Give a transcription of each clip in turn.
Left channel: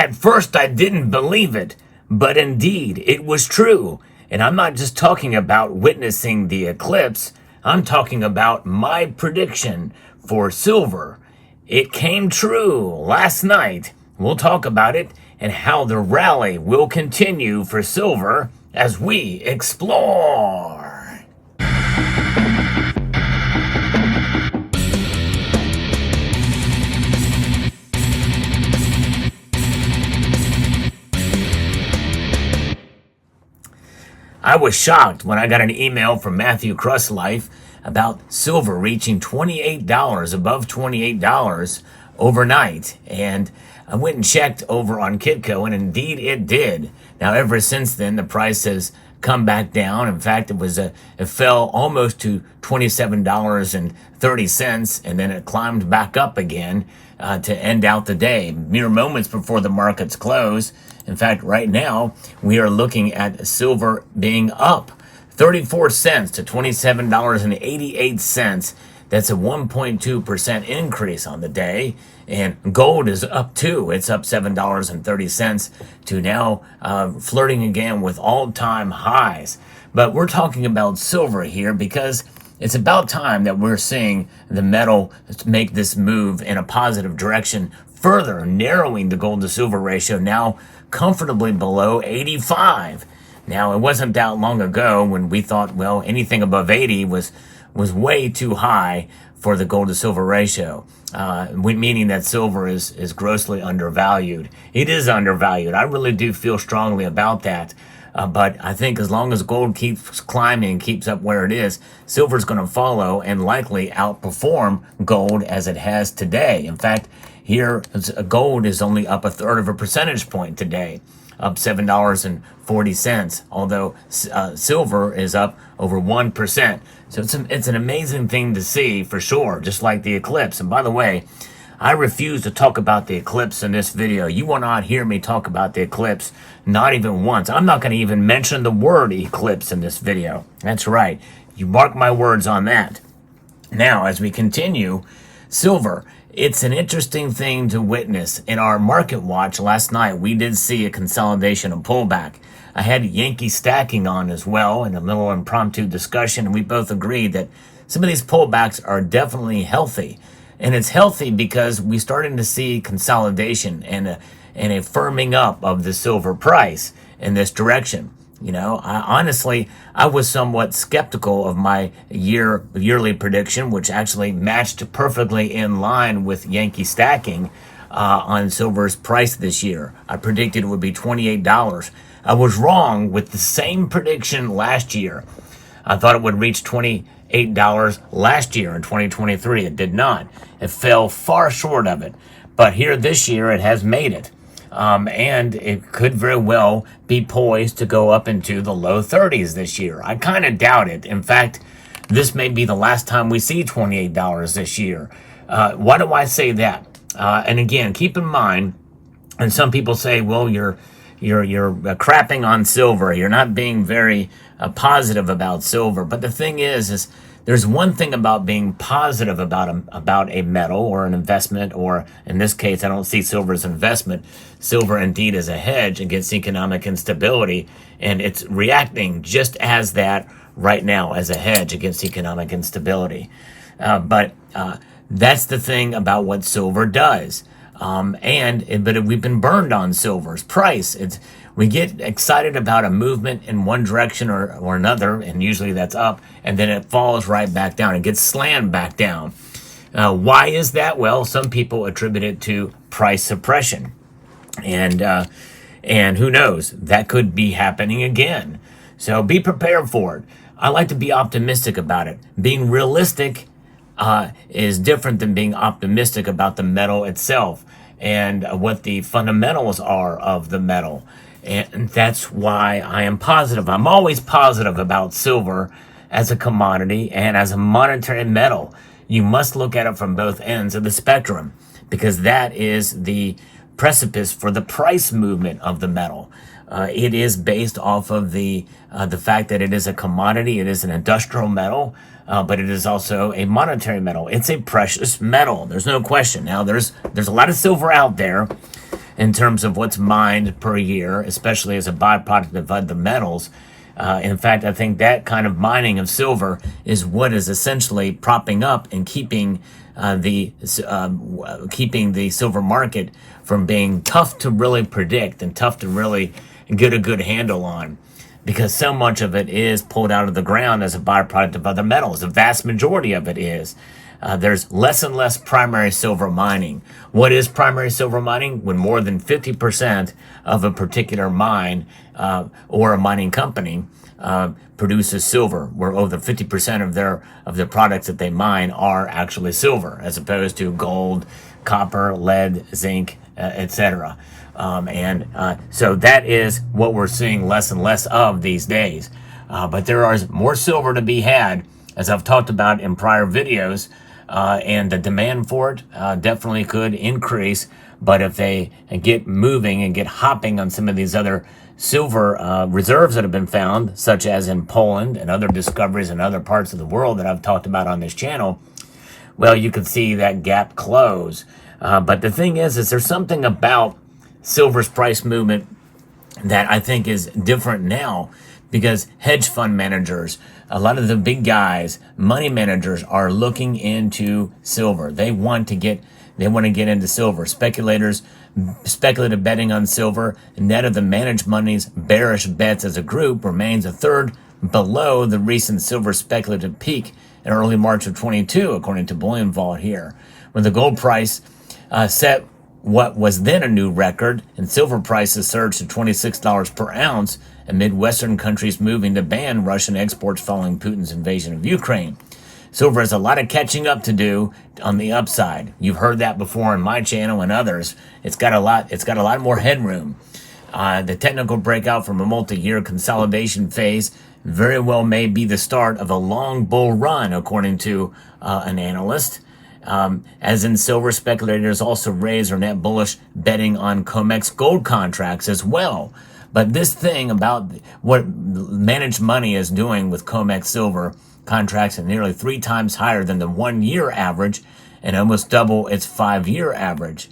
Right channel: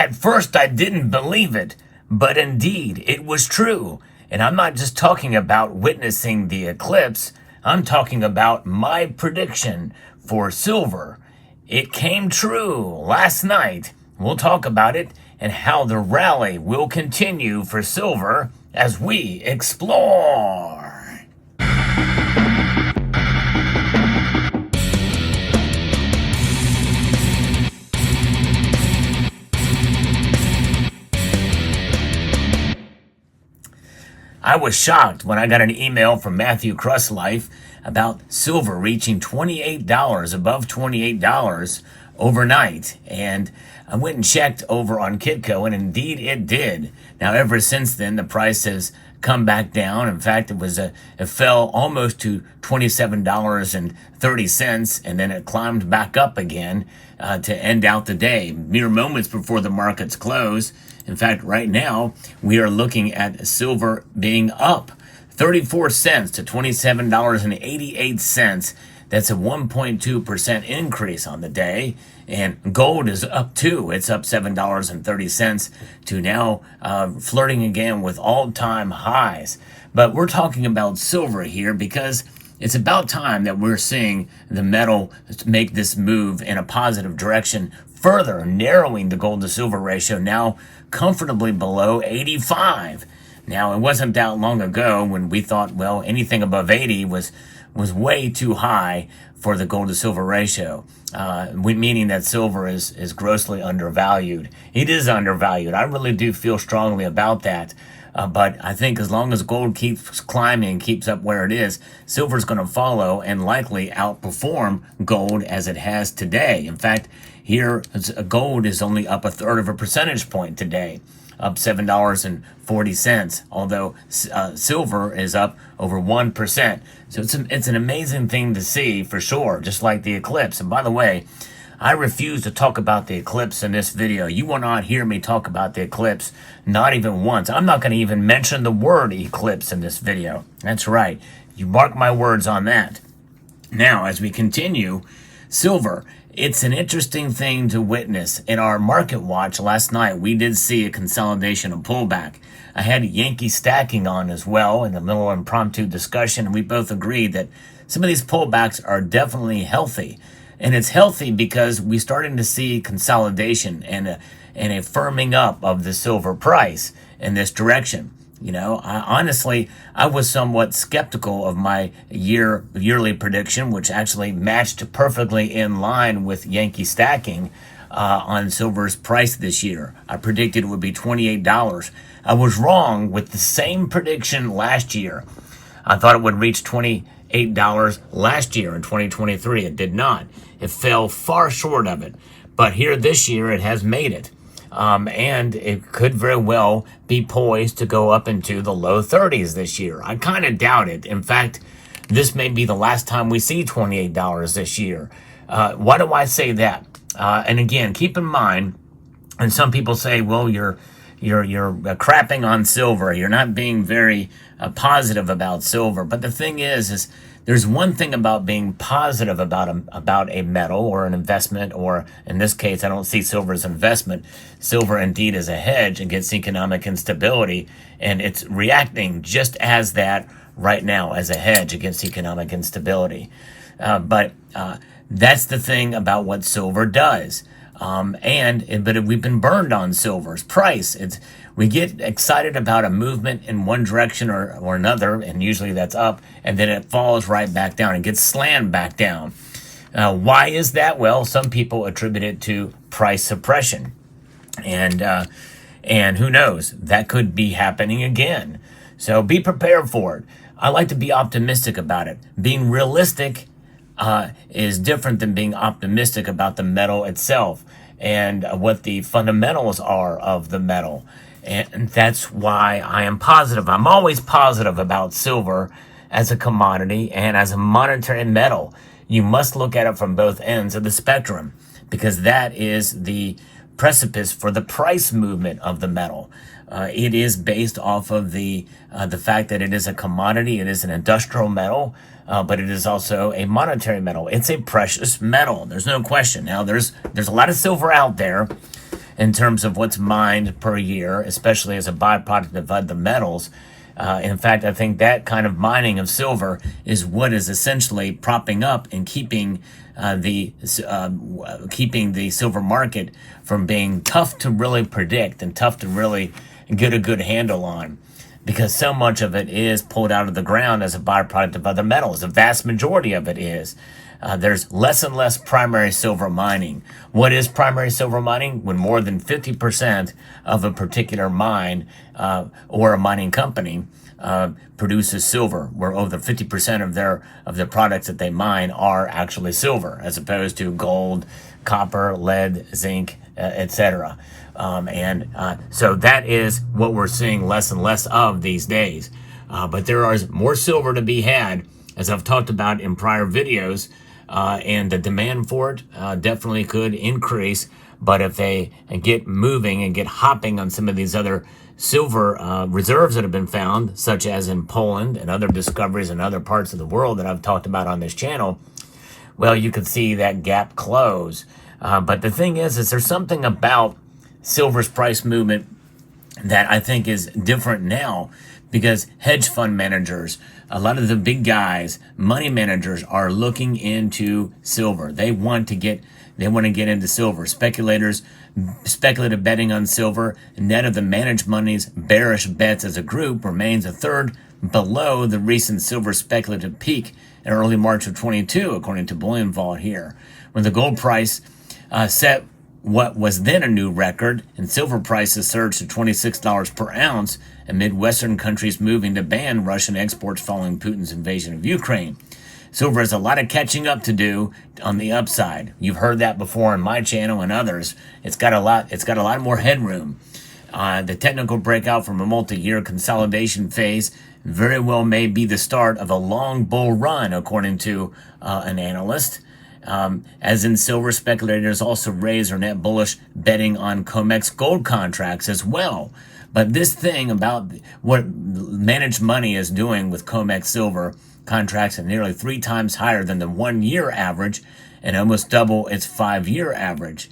At first, I didn't believe it, but indeed, it was true. And I'm not just talking about witnessing the eclipse, I'm talking about my prediction for silver. It came true last night. We'll talk about it and how the rally will continue for silver as we explore. I was shocked when I got an email from Matthew Life about silver reaching $28, above $28 overnight. And I went and checked over on Kitco, and indeed it did. Now, ever since then, the price has come back down. In fact, it fell almost to $27.30, and then it climbed back up again to end out the day, mere moments before the markets close. In fact, right now, we are looking at silver being up 34 cents to $27.88. That's a 1.2% increase on the day. And gold is up too. It's up $7.30 to now flirting again with all-time highs. But we're talking about silver here because it's about time that we're seeing the metal make this move in a positive direction, further narrowing the gold to silver ratio, now comfortably below 85. Now, it wasn't that long ago when we thought, well, anything above 80 was way too high for the gold to silver ratio, meaning that silver is grossly undervalued. It is undervalued. I really do feel strongly about that. But I think as long as gold keeps climbing, keeps up where it is, silver is going to follow and likely outperform gold as it has today. In fact, here, gold is only up 1/3 of a percentage point today, up $7.40, although silver is up over 1%. So it's an amazing thing to see for sure, just like the eclipse. And by the way, I refuse to talk about the eclipse in this video. You will not hear me talk about the eclipse, not even once. I'm not going to even mention the word eclipse in this video. That's right. You mark my words on that. Now, as we continue, silver. It's an interesting thing to witness. In our market watch last night, we did see a consolidation and pullback. I had Yankee stacking on as well in a little impromptu discussion, and we both agreed that some of these pullbacks are definitely healthy. And it's healthy because we're starting to see consolidation and a firming up of the silver price in this direction. You know, honestly, I was somewhat skeptical of my yearly prediction, which actually matched perfectly in line with Yankee stacking on silver's price this year. I predicted it would be $28. I was wrong with the same prediction last year. I thought it would reach $28 last year in 2023. It did not. It fell far short of it. But here this year, it has made it. And it could very well be poised to go up into the low 30s this year. I kind of doubt it. In fact, this may be the last time we see $28 this year. Why do I say that? And again, keep in mind, and some people say, well, you're crapping on silver. You're not being very positive about silver. But the thing is there's one thing about being positive about a metal or an investment, or in this case, I don't see silver as an investment. Silver indeed is a hedge against economic instability, and it's reacting just as that right now, as a hedge against economic instability. But that's the thing about what silver does. But we've been burned on silver's price. We get excited about a movement in one direction or another, and usually that's up, and then it falls right back down. It gets slammed back down. Why is that? Well, some people attribute it to price suppression. And who knows? That could be happening again. So be prepared for it. I like to be optimistic about it. Being realistic is different than being optimistic about the metal itself and what the fundamentals are of the metal. And that's why I am positive. I'm always positive about silver as a commodity and as a monetary metal. You must look at it from both ends of the spectrum, because that is the precipice for the price movement of the metal. It is based off of the fact that it is a commodity. It is an industrial metal, but it is also a monetary metal. It's a precious metal. There's no question. Now, there's a lot of silver out there, in terms of what's mined per year, especially as a byproduct of other metals. In fact, I think that kind of mining of silver is what is essentially propping up and keeping the silver market from being tough to really predict and tough to really get a good handle on, because so much of it is pulled out of the ground as a byproduct of other metals. The vast majority of it is. There's less and less primary silver mining. What is primary silver mining? When more than 50% of a particular mine or a mining company produces silver, where over 50% of their products that they mine are actually silver, as opposed to gold, copper, lead, zinc, etc. So that is what we're seeing less and less of these days. But there is more silver to be had, as I've talked about in prior videos. And the demand for it definitely could increase. But if they get moving and get hopping on some of these other silver reserves that have been found, such as in Poland and other discoveries in other parts of the world that I've talked about on this channel, well, you can see that gap close. But the thing is there's something about silver's price movement that I think is different now, because hedge fund managers, a lot of the big guys, money managers, are looking into silver. They want to get into silver. Speculative betting on silver, net of the managed money's bearish bets as a group, remains a third below the recent silver speculative peak in early March of 22, according to Bullion Vault here, when the gold price set what was then a new record, and silver prices surged to $26 per ounce amid Western countries moving to ban Russian exports following Putin's invasion of Ukraine. Silver has a lot of catching up to do on the upside. You've heard that before in my channel and others. It's got a lot more headroom. The technical breakout from a multi-year consolidation phase very well may be the start of a long bull run, according to an analyst. As in silver, speculators also raise or net bullish betting on COMEX gold contracts as well. But this thing about what managed money is doing with COMEX silver contracts are nearly 3 times higher than the 1-year average and almost double its 5-year average.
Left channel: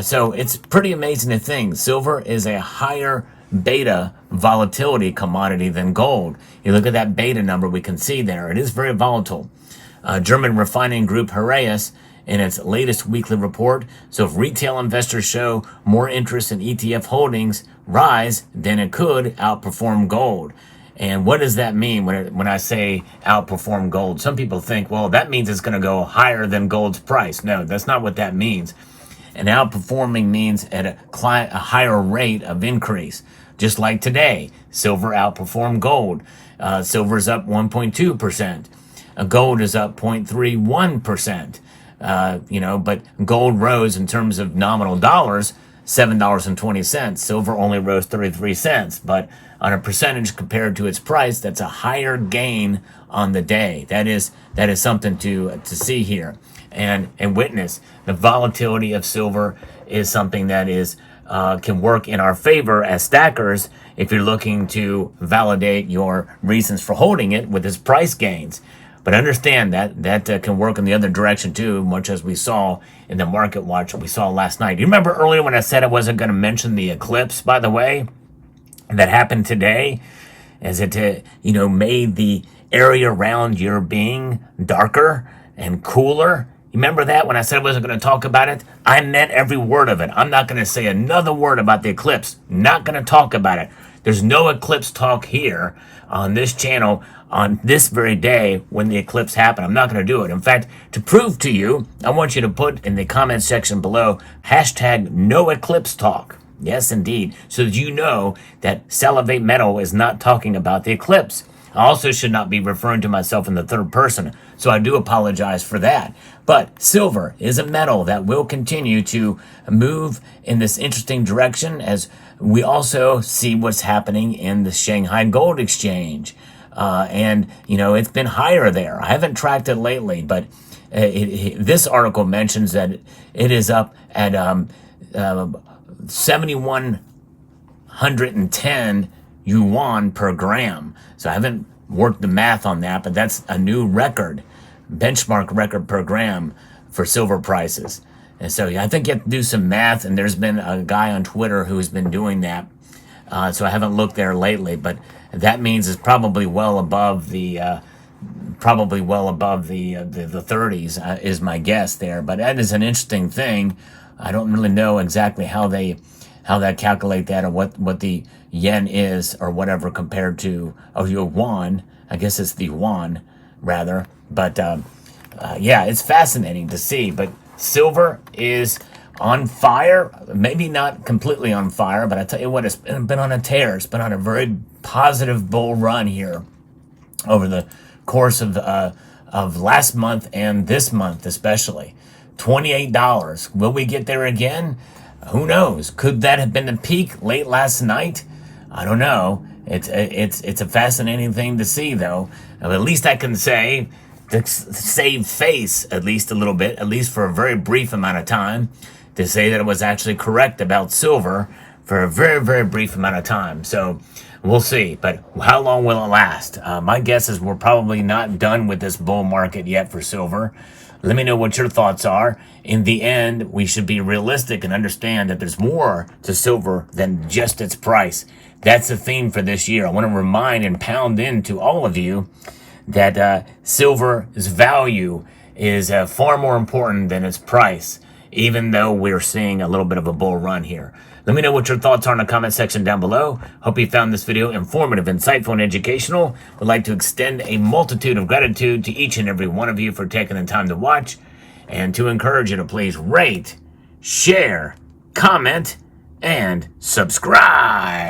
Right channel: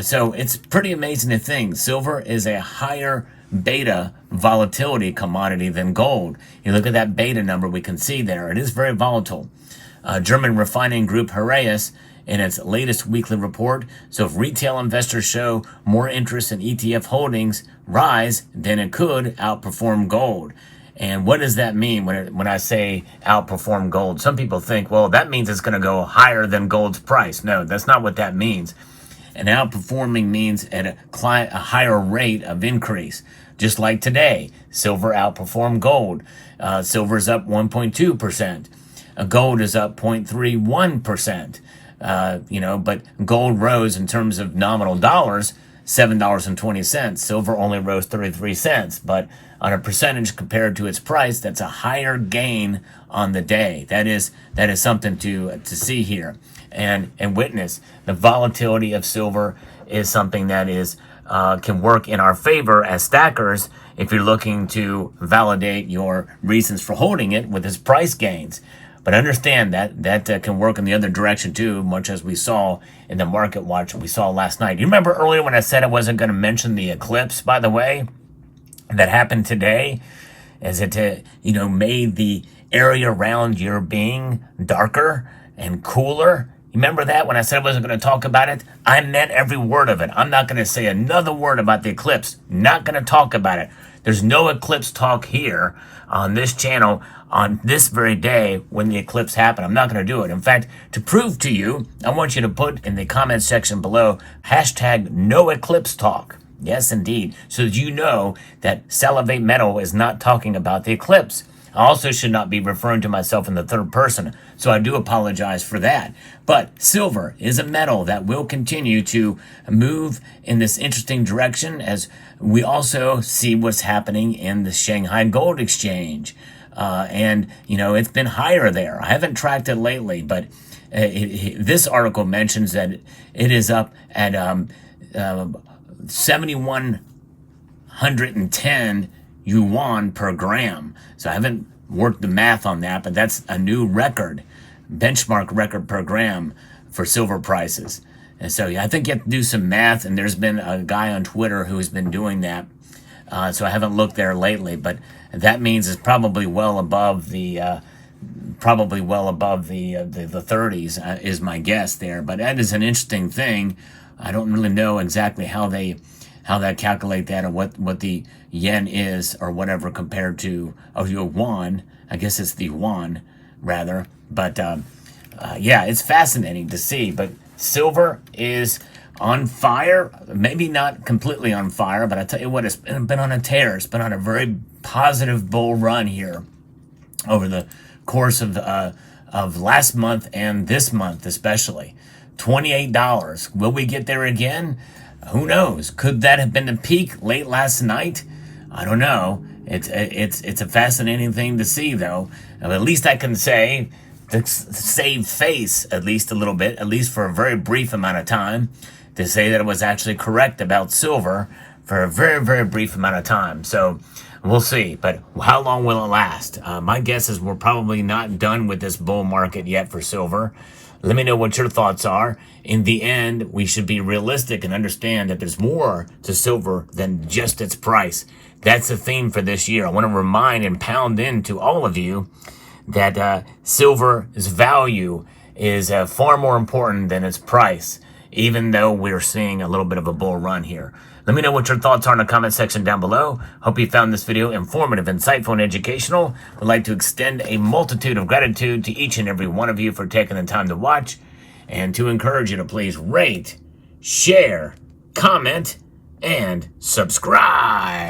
So it's pretty amazing to think silver is a higher beta volatility commodity than gold. You look at that beta number we can see there. It is very volatile. German refining group Heraeus, in its latest weekly report, so if retail investors show more interest in ETF holdings rise, then it could outperform gold. And what does that mean when I say outperform gold? Some people think, well, that means it's going to go higher than gold's price. No, that's not what that means. And outperforming means at a higher rate of increase. Just like today, silver outperformed gold. Silver's up 1.2%. Gold is up 0.31%. But gold rose in terms of nominal dollars, $7.20. Silver only rose 33 cents. But on a percentage compared to its price, that's a higher gain on the day. That is something to see here and witness. The volatility of silver is something that is can work in our favor as stackers if you're looking to validate your reasons for holding it with its price gains. But understand that can work in the other direction too, much as we saw in the market watch we saw last night. You remember earlier when I said I wasn't going to mention the eclipse, by the way, that happened today? Is it made the area around your being darker and cooler? You remember that when I said I wasn't going to talk about it? I meant every word of it. I'm not going to say another word about the eclipse. Not going to talk about it. There's no eclipse talk here on this channel on this very day when the eclipse happened. I'm not going to do it. In fact, to prove to you, I want you to put in the comment section below hashtag no eclipse talk. Yes, indeed. So that you know that Salivate Metal is not talking about the eclipse. I also should not be referring to myself in the third person, so I do apologize for that. But silver is a metal that will continue to move in this interesting direction as we also see what's happening in the Shanghai Gold Exchange. It's been higher there. I haven't tracked it lately, but this article mentions that it is up at 7,110 yuan per gram. So I haven't worked the math on that, but that's a new record, benchmark record per gram for silver prices. And so I think you have to do some math, and there's been a guy on Twitter who's been doing that. So I haven't looked there lately, but that means it's probably well above the 30s is my guess there. But that is an interesting thing. I don't really know exactly how they calculate that, or what the yen is or whatever compared to your yuan. I guess it's the yuan rather. But yeah, it's fascinating to see. But silver is on fire, maybe not completely on fire, but I tell you what, it's been on a tear. It's been on a very positive bull run here over the course of last month and this month especially. $28. Will we get there again? Who knows? Could that have been the peak late last night? I don't know. It's a fascinating thing to see, though. At least I can say, to save face at least a little bit, at least for a very brief amount of time, to say that it was actually correct about silver for a very, very brief amount of time. So we'll see. But how long will it last? My guess is we're probably not done with this bull market yet for silver. Let me know what your thoughts are. In the end, we should be realistic and understand that there's more to silver than just its price. That's the theme for this year. I want to remind and pound into all of you that silver's value is far more important than its price, even though we're seeing a little bit of a bull run here. Let me know what your thoughts are in the comment section down below. Hope you found this video informative, insightful, and educational. Would like to extend a multitude of gratitude to each and every one of you for taking the time to watch, and to encourage you to please rate, share, comment, and subscribe.